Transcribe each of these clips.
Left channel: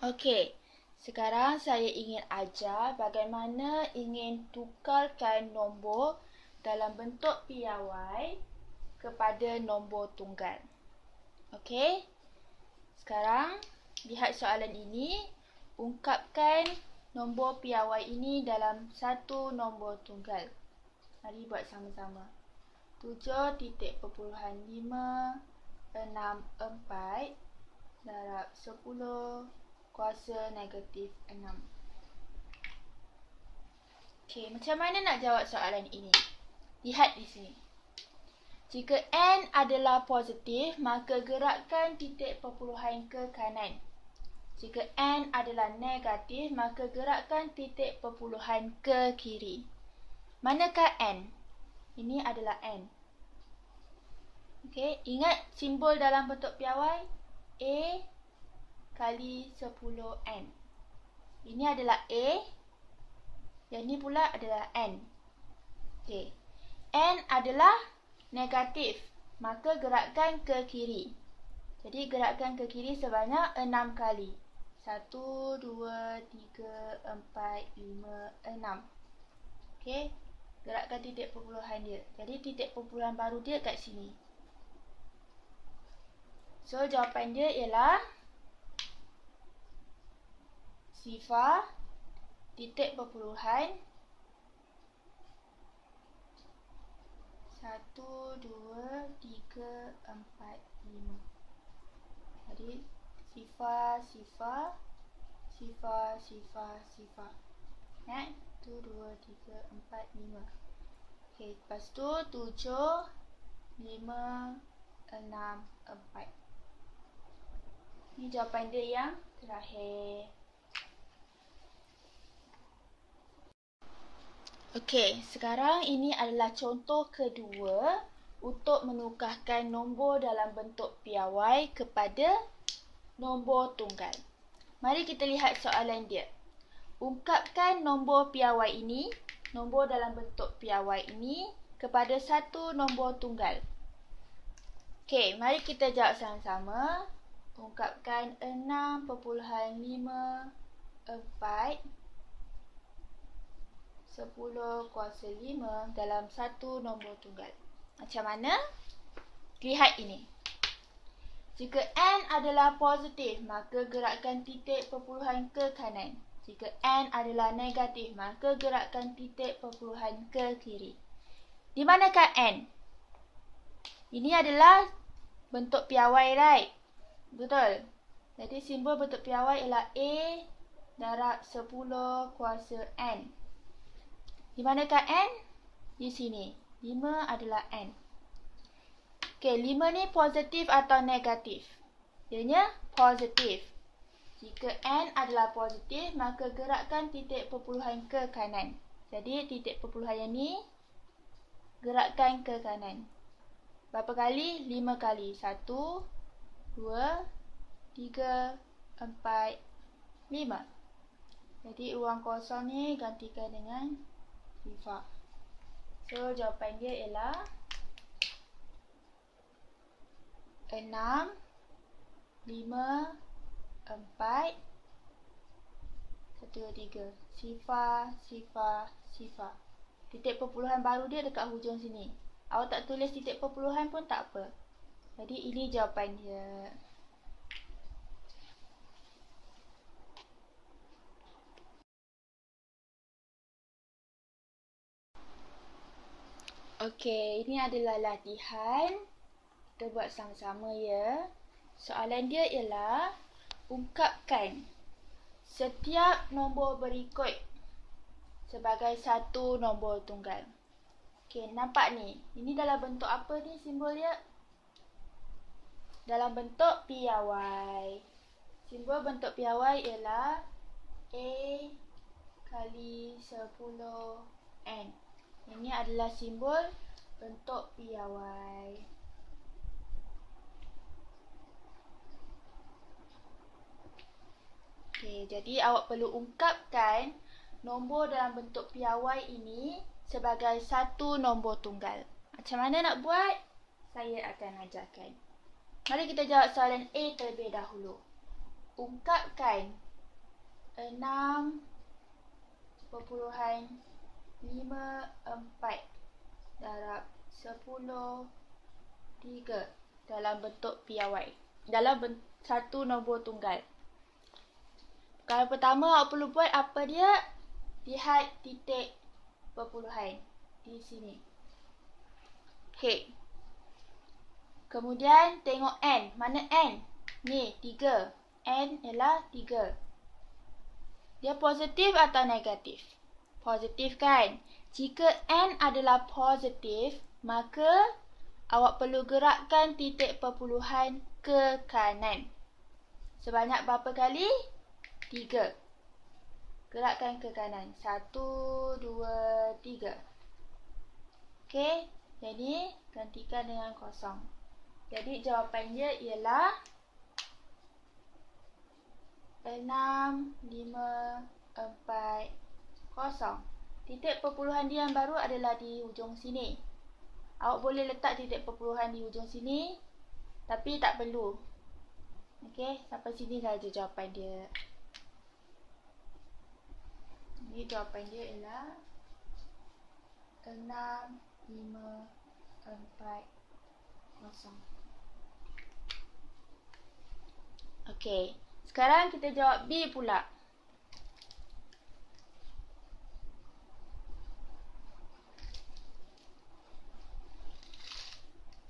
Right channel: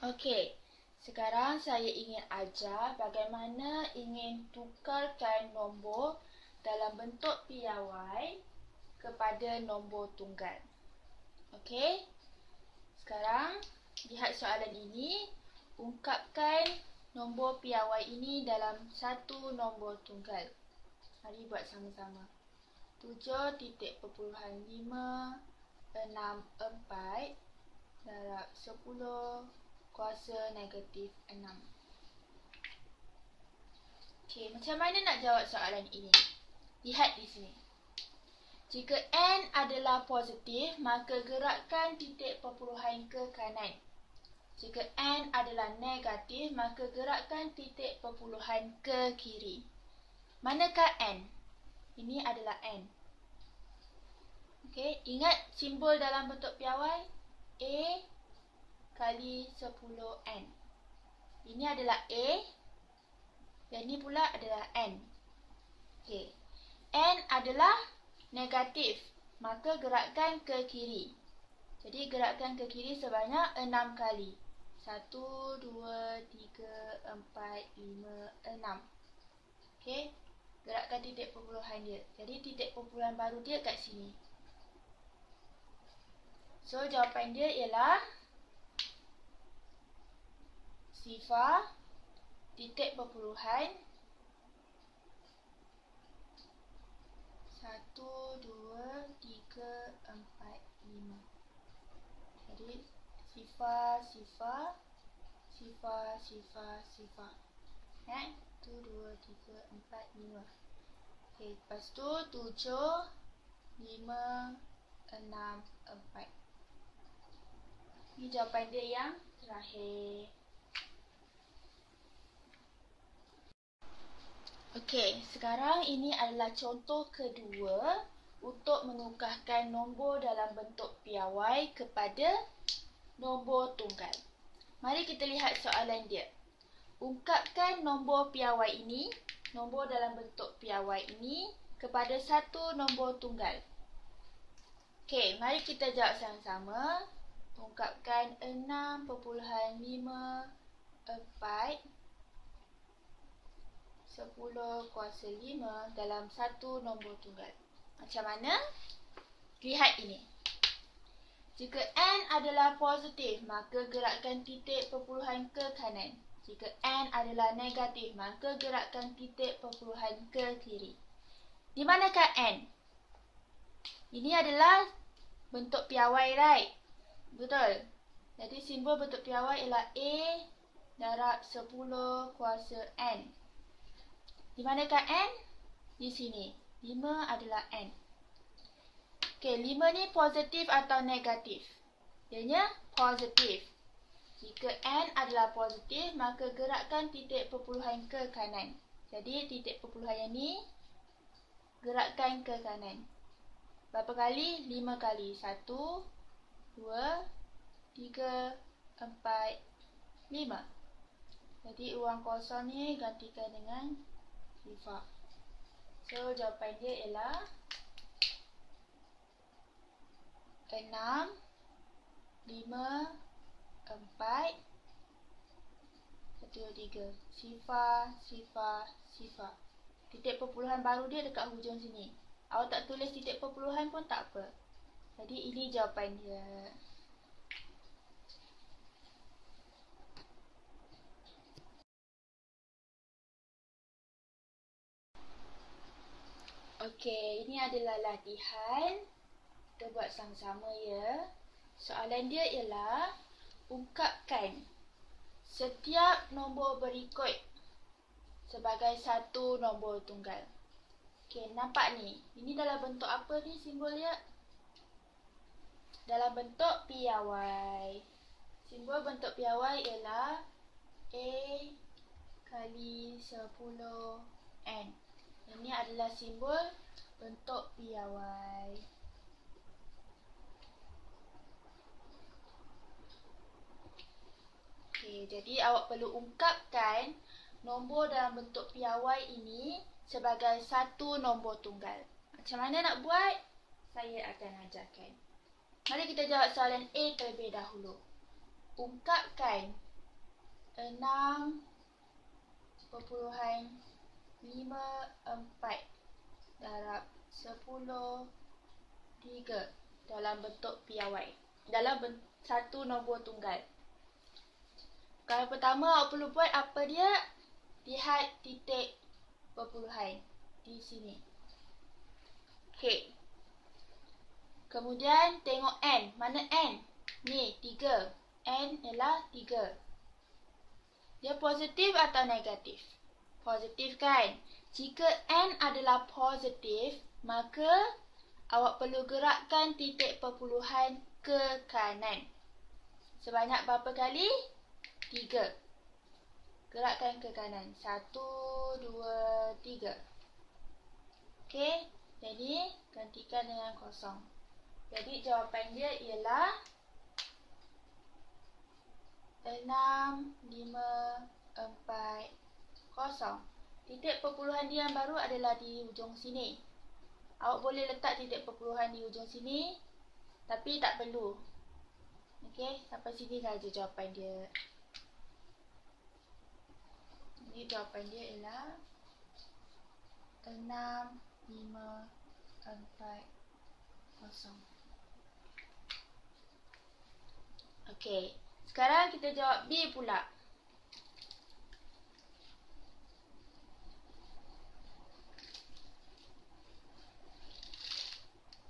Okey, sekarang saya ingin ajar bagaimana ingin tukarkan nombor dalam bentuk piawai kepada nombor tunggal. Okey, sekarang lihat soalan ini. Ungkapkan nombor piawai ini dalam satu nombor tunggal. Mari buat sama-sama. 7.564 darab 10 kuasa negatif 6. Okey, macam mana nak jawab soalan ini? Lihat di sini. Jika n adalah positif, maka gerakkan titik perpuluhan ke kanan. Jika n adalah negatif, maka gerakkan titik perpuluhan ke kiri. Manakah n? Ini adalah n. Okey, ingat simbol dalam bentuk piawai? A kali 10n. Ini adalah A. Yang ini pula adalah n. Okey. N adalah negatif, maka gerakkan ke kiri. Jadi gerakkan ke kiri sebanyak 6 kali. 1, 2, 3, 4, 5, 6. Okey. Gerakkan titik perpuluhan dia. Jadi titik perpuluhan baru dia kat sini. So jawapan dia ialah sifar titik perpuluhan 1, 2, 3, 4, 5. Jadi sifar, sifar, sifar, sifar, sifar. 1, 2, 3, 4, 5. Okey, lepas tu 7, 5, 6, 4. Ini jawapan dia yang terakhir. Okey, sekarang ini adalah contoh kedua untuk menukarkan nombor dalam bentuk piawai kepada nombor tunggal. Mari kita lihat soalan dia. Ungkapkan nombor piawai ini, nombor dalam bentuk piawai ini kepada satu nombor tunggal. Okey, mari kita jawab sama-sama. Ungkapkan 6.54 10 kuasa 5 dalam satu nombor tunggal. Macam mana? Lihat ini. Jika n adalah positif, maka gerakkan titik perpuluhan ke kanan. Jika n adalah negatif, maka gerakkan titik perpuluhan ke kiri. Di manakah n? Ini adalah bentuk piawai, right? Betul. Jadi simbol bentuk piawai ialah A darab 10 kuasa n. Di manakah n? Di sini. 5 adalah n. Okey, 5 ni positif atau negatif? Ianya positif. Jika n adalah positif, maka gerakkan titik perpuluhan ke kanan. Jadi titik perpuluhan yang ni gerakkan ke kanan. Berapa kali? 5 kali. 1, 2, 3, 4, 5. Jadi ruang kosong ni gantikan dengan sifar. So jawapan dia ialah 6, 5, 4, 1, 2, 3. Sifar, sifar, sifar. Titik perpuluhan baru dia dekat hujung sini. Awak tak tulis titik perpuluhan pun tak apa. Jadi ini jawapan dia. Okey, ini adalah latihan. Kita buat sama-sama ya. Soalan dia ialah ungkapkan setiap nombor berikut sebagai satu nombor tunggal. Okey, nampak ni. Ini dalam bentuk apa ni simbol dia? Dalam bentuk piawai. Simbol bentuk piawai ialah A kali 10n. Ini adalah simbol bentuk piawai. Okey, jadi awak perlu ungkapkan nombor dalam bentuk piawai ini sebagai satu nombor tunggal. Macam mana nak buat? Saya akan ajarkan. Mari kita jawab soalan A terlebih dahulu. Ungkapkan 6.54 darab 10/3 dalam bentuk piawai. Dalam satu nombor tunggal. Kalau pertama awak perlu buat apa dia? Lihat titik perpuluhan di sini. Okey. Kemudian tengok N. Mana N? Ni, 3. N ialah 3. Dia positif atau negatif? Positif kan? Jika N adalah positif, maka awak perlu gerakkan titik perpuluhan ke kanan. Sebanyak berapa kali? 3. Gerakkan ke kanan. 1, 2, 3. Okey. Jadi, gantikan dengan kosong. Jadi, jawapan dia ialah 6540. Titik perpuluhan dia yang baru adalah di ujung sini. Awak boleh letak titik perpuluhan di ujung sini, tapi tak perlu. Okey, sampai sini saja jawapan dia. Ini jawapan dia ialah 6540. Okey, sekarang kita jawab B pula.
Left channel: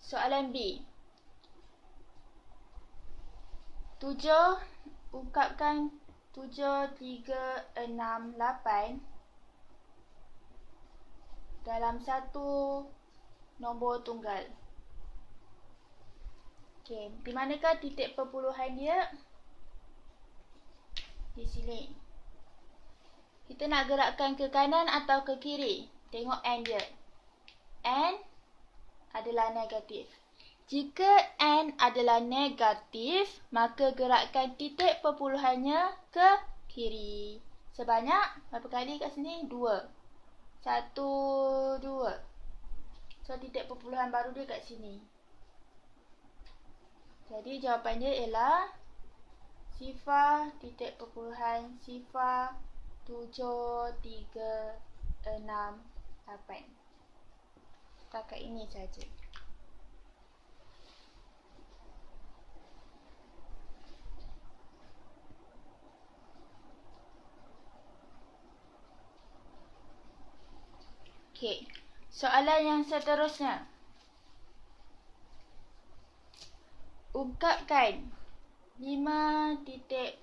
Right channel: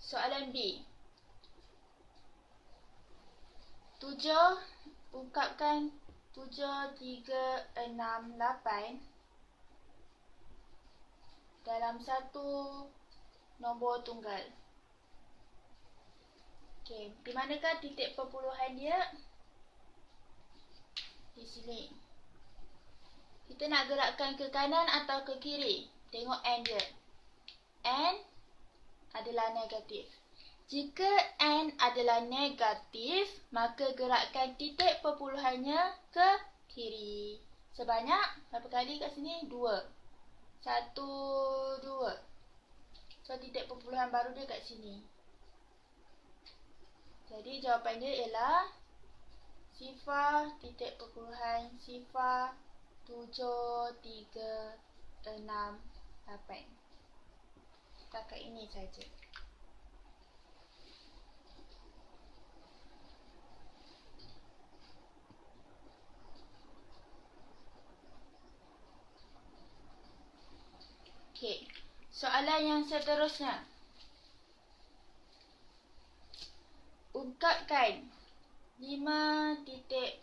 Soalan B. 7, ungkapkan 7, 3, 6, 8 dalam satu nombor tunggal. Okey, di manakah titik perpuluhan dia? Di sini. Kita nak gerakkan ke kanan atau ke kiri? Tengok N dia. N adalah negatif. Jika N adalah negatif, maka gerakkan titik perpuluhannya ke kiri. Sebanyak berapa kali kat sini? 2. 1, 2. So, titik perpuluhan baru dia kat sini. Jadi, jawapan dia ialah 0, titik perpuluhan 0, 7, 3, 6, 8. Setakat ini saja. Okey, soalan yang seterusnya. Ungkapkan 5.9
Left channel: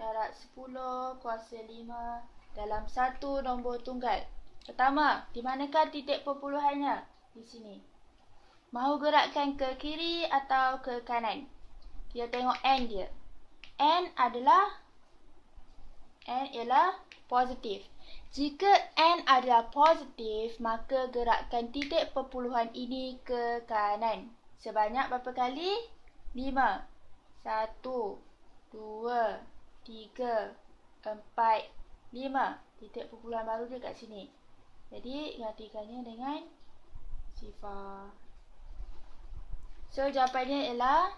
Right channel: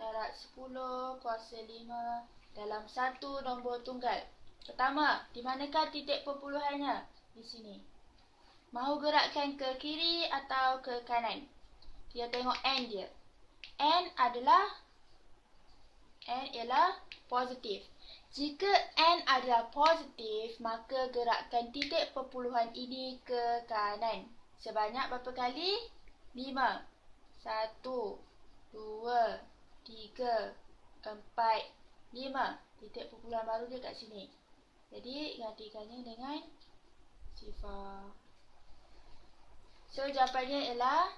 darab 10 kuasa 5 dalam satu nombor tunggal. Pertama, di manakah titik perpuluhannya? Di sini. Mahu gerakkan ke kiri atau ke kanan? Dia tengok N dia. N ialah positif. Jika N adalah positif, maka gerakkan titik perpuluhan ini ke kanan. Sebanyak berapa kali? 5. 1, 2, 3, 4, 5. Titik perpuluhan baru dia kat sini. Jadi, gantikannya dengan 0. So, jawapannya ialah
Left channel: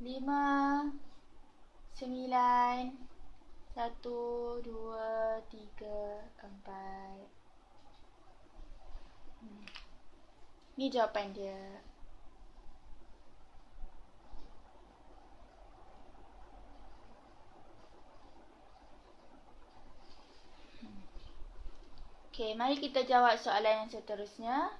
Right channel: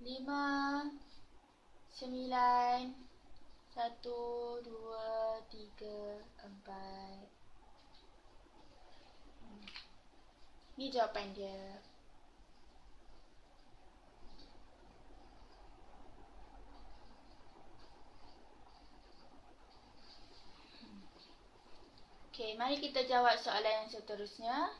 5, 9, 1, 2, 3, 4. Ni jawapan dia. Okey, mari kita jawab soalan yang seterusnya.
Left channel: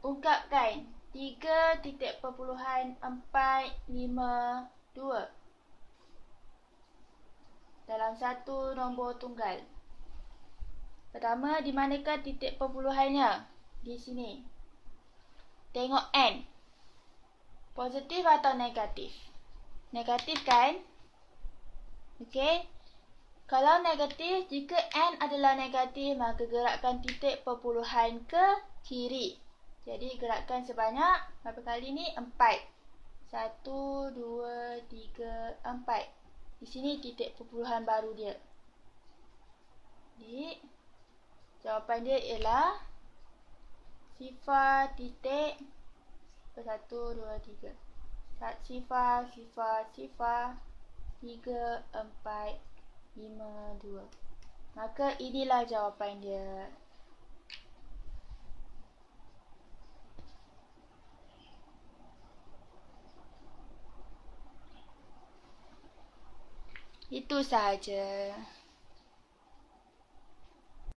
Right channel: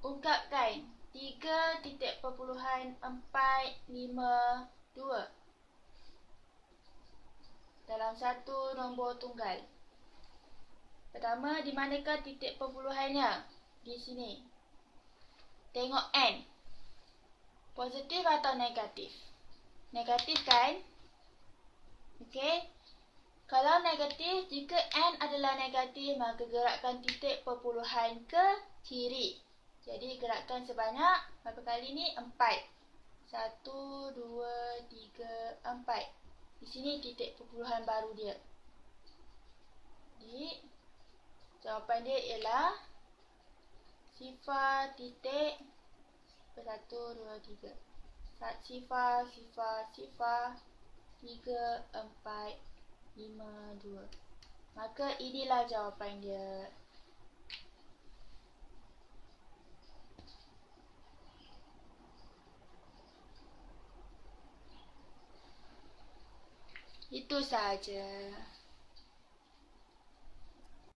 Ungkapkan 3.452 dalam satu nombor tunggal. Pertama, di manakah titik perpuluhannya? Di sini. Tengok N. Positif atau negatif? Negatif kan? Okey. Kalau negatif, jika N adalah negatif, maka gerakkan titik perpuluhan ke kiri. Jadi, gerakkan sebanyak berapa kali ni? 4. 1, 2, 3, 4. Di sini titik perpuluhan baru dia. Jadi, jawapan dia ialah Sifar titik 1, 2, 3. Sifar, sifar, sifar 3, 4, 5, 2. Maka inilah jawapan dia. Itu sahaja.